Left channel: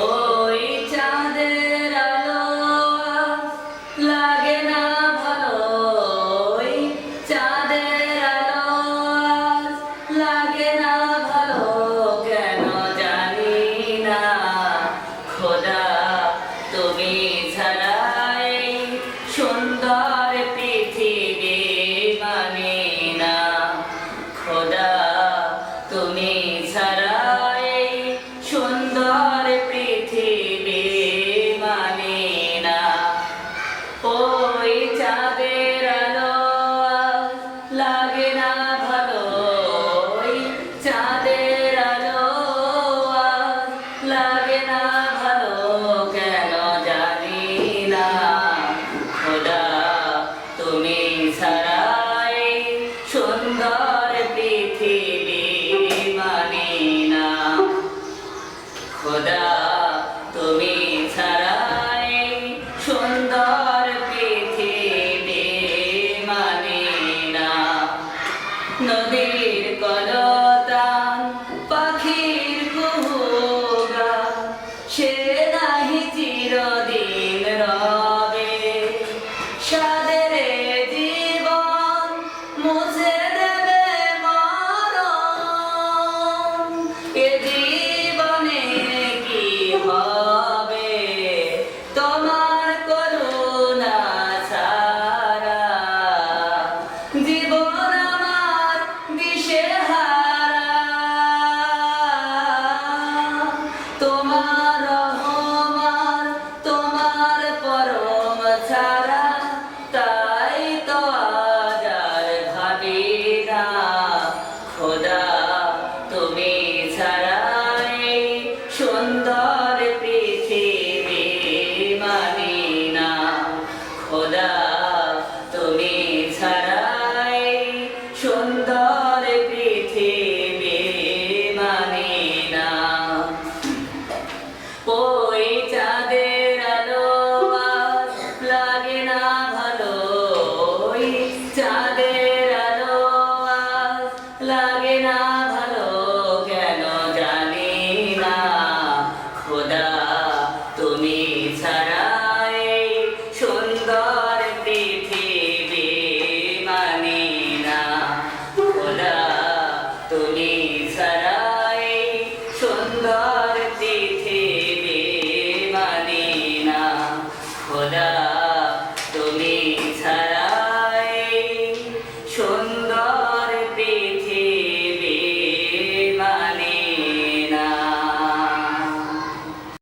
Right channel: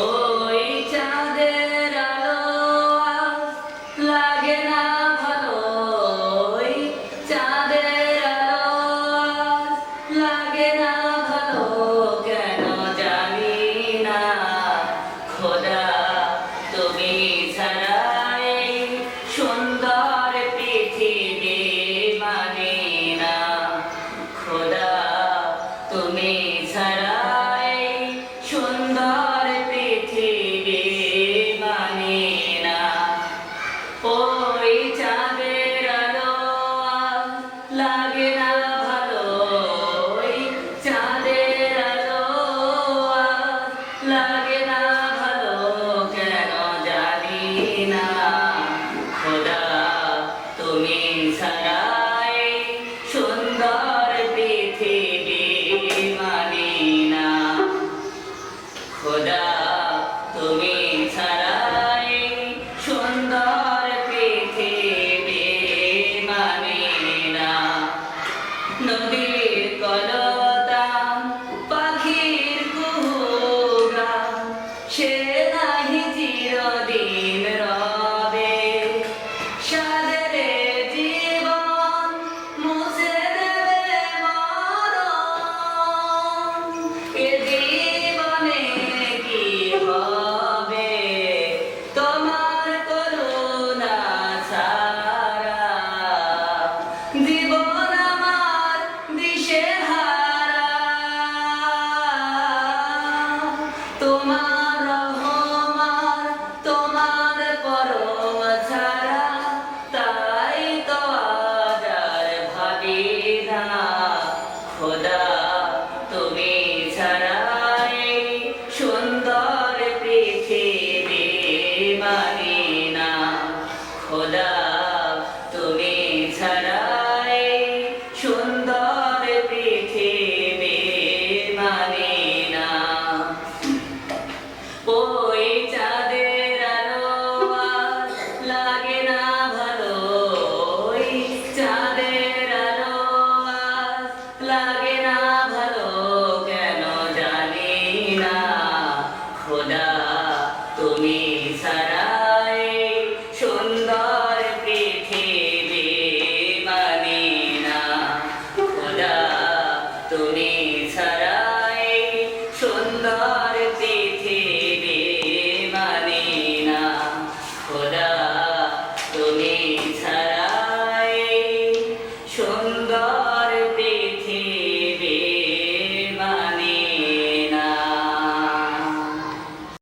ওই চাঁদের আলো আজ লাগে না ভালো, ওই চাঁদের আলো আজ লাগে না ভালো, কেন জানি না খোদা তুমি ছাড়া এই সুন্দর পৃথিবী মানে না, খোদা তুমি ছাড়া এই সুন্দর পৃথিবী মানে না। ওই চাঁদের আলো আজ লাগে না ভালো, ওই চাঁদের আলো আজ লাগে না ভালো, কেন জানি না খোদা তুমি ছাড়া এই সুন্দর পৃথিবী মানে না, খোদা তুমি ছাড়া এই সুন্দর পৃথিবী মানে না। নদীর কলতান পাখির কুহুগান সে নাহি চিরদিন রবে, সাদের জীবন মুছে দেবে মরণ, এ জীবনে কি হবে তোমার করুণা ছাড়া, জীবন আমার দিশেহারা, তোমার